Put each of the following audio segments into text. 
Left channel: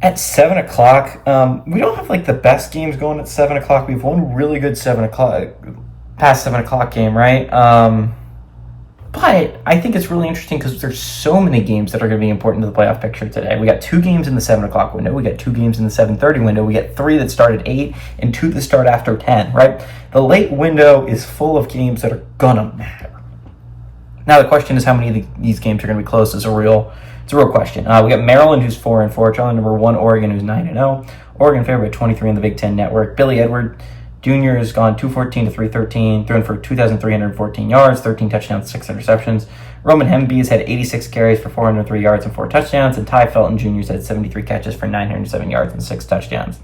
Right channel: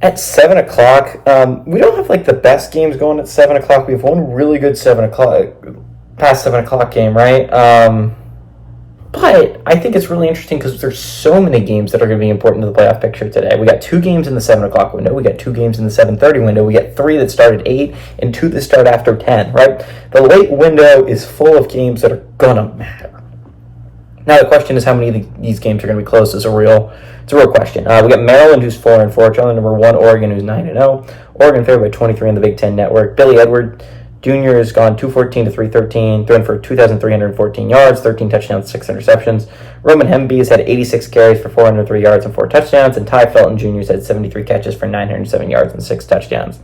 At 7 o'clock, we don't have like the best games going at 7 o'clock. We have one really good 7 o'clock, past 7 o'clock game, right? But I think it's really interesting because there's so many games that are going to be important to the playoff picture today. We got two games in the 7 o'clock window. We got two games in the 7:30 window. We got three that start at 8 and two that start after 10, right? The late window is full of games that are going to matter. Now the question is how many of these games are going to be close. It's a real question. We got Maryland, who's 4-4, trailing number one Oregon, who's 9-0. Oregon favored by 23 on the Big Ten Network. Billy Edward Jr. has gone 214 to 313, thrown for 2,314 yards, 13 touchdowns, 6 interceptions. Roman Hemby has had 86 carries for 403 yards and 4 touchdowns, and Ty Felton Jr. has had 73 catches for 907 yards and 6 touchdowns.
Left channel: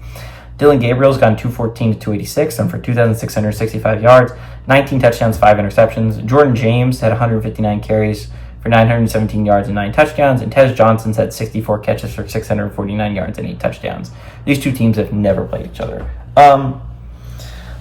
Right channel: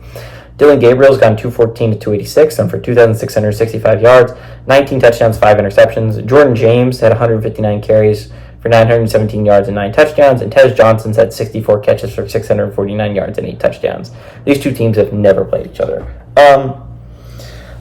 Dylan Gabriel's gone 214 to 286, thrown for 2,665 yards, 19 touchdowns, 5 interceptions. Jordan James had 159 carries for 917 yards and 9 touchdowns, and Tez Johnson's had 64 catches for 649 yards and 8 touchdowns. These two teams have never played each other.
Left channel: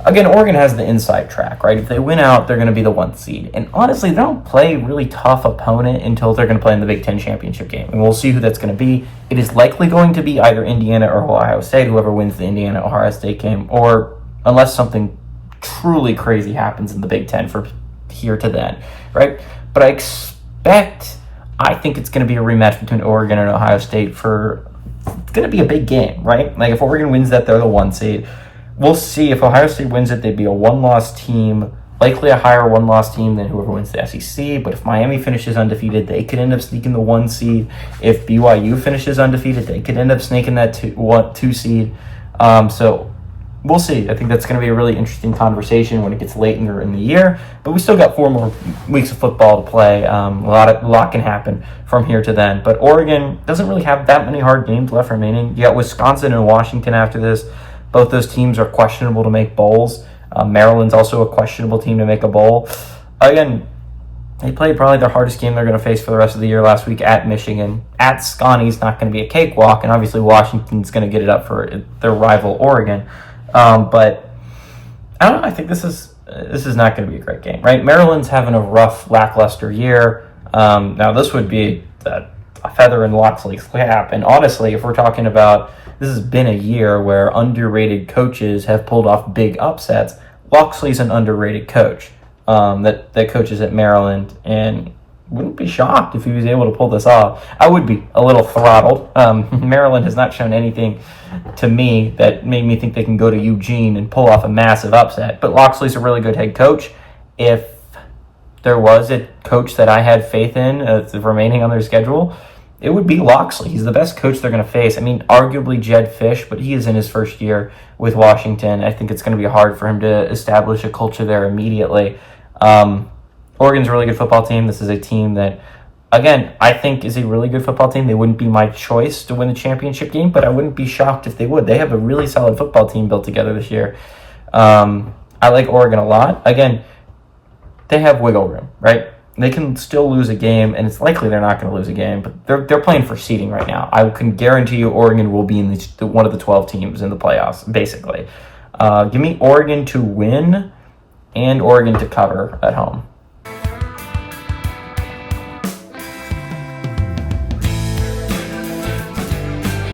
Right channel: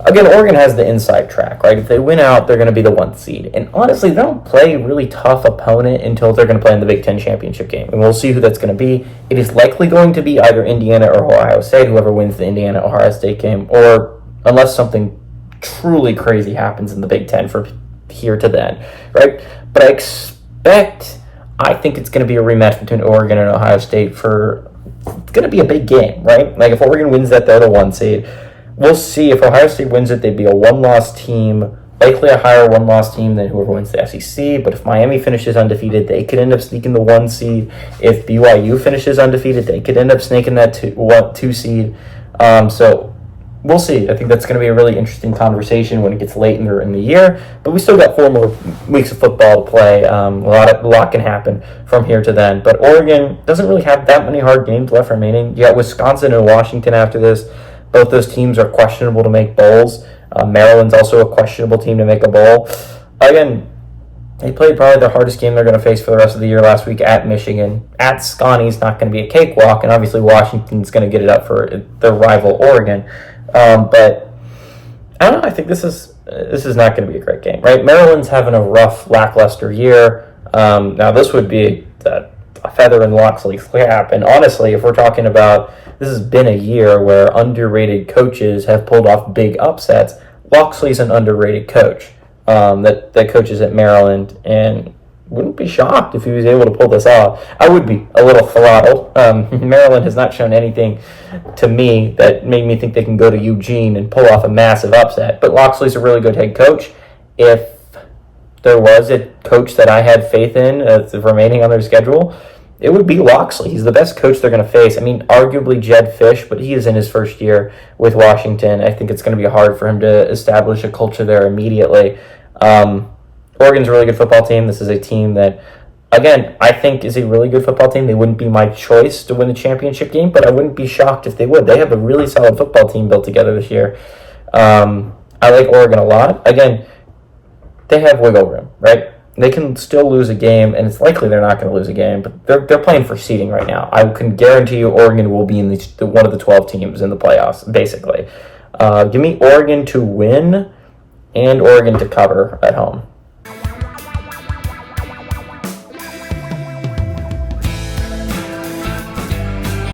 Again, Oregon has the inside track, right? If they win out, they're going to be the 1st seed. And honestly, they don't play a really tough opponent until they're going to play in the Big Ten championship game. And we'll see who that's going to be. It is likely going to be either Indiana or Ohio State, whoever wins the Indiana-Ohio State game, or unless something truly crazy happens in the Big Ten from here to then, right? But I think it's going to be a rematch between Oregon and Ohio State it's going to be a big game, right? Like if Oregon wins that, they're the 1 seed. We'll see. If Ohio State wins it, they'd be a 1-loss team, likely a higher 1-loss team than whoever wins the SEC. But if Miami finishes undefeated, they could end up sneaking the 1 seed. If BYU finishes undefeated, they could end up snaking that 2 seed. So we'll see. I think that's going to be a really interesting conversation when it gets late in the year. But we still got 4 more weeks of football to play. A lot can happen from here to then. But Oregon doesn't really have that many hard games left remaining. You got Wisconsin and Washington after this. Both those teams are questionable to make bowls. Maryland's also a questionable team to make a bowl. Again, they played probably the hardest game they're going to face for the rest of the year last week at Michigan. At Scotty's not going to be a cakewalk, and obviously Washington's going to get it up for their rival Oregon. But I don't know. I think this is not going to be a great game, right? Maryland's having a rough, lackluster year. Now this would be a feather in Locksley's cap, and honestly, if we're talking about this has been a year where underrated coaches have pulled off big upsets. Locksley's an underrated coach that coaches at Maryland, and wouldn't be shocked if he was able to pull this off. I would be a little throttled. Maryland has not shown anything to me that made me think they can go to Eugene and pull off a massive upset. But Locksley's a really good head coach. If there was a coach that I had faith in remaining on their schedule, it would be Locksley. He's the best coach they're going to face. I mean, arguably Jed Fish, but he is in his first year with Washington. I think it's going to be hard for him to establish a culture there immediately. Oregon's a really good football team. This is a team that, again, I think is a really good football team. They wouldn't be my choice to win the championship game, but I wouldn't be shocked if they would. They have a really solid football team built together this year. I like Oregon a lot. Again, they have wiggle room, right? They can still lose a game, and it's likely they're not going to lose a game, but they're playing for seeding right now. I can guarantee you Oregon will be in one of the 12 teams in the playoffs, basically. Give me Oregon to win and Oregon to cover at home.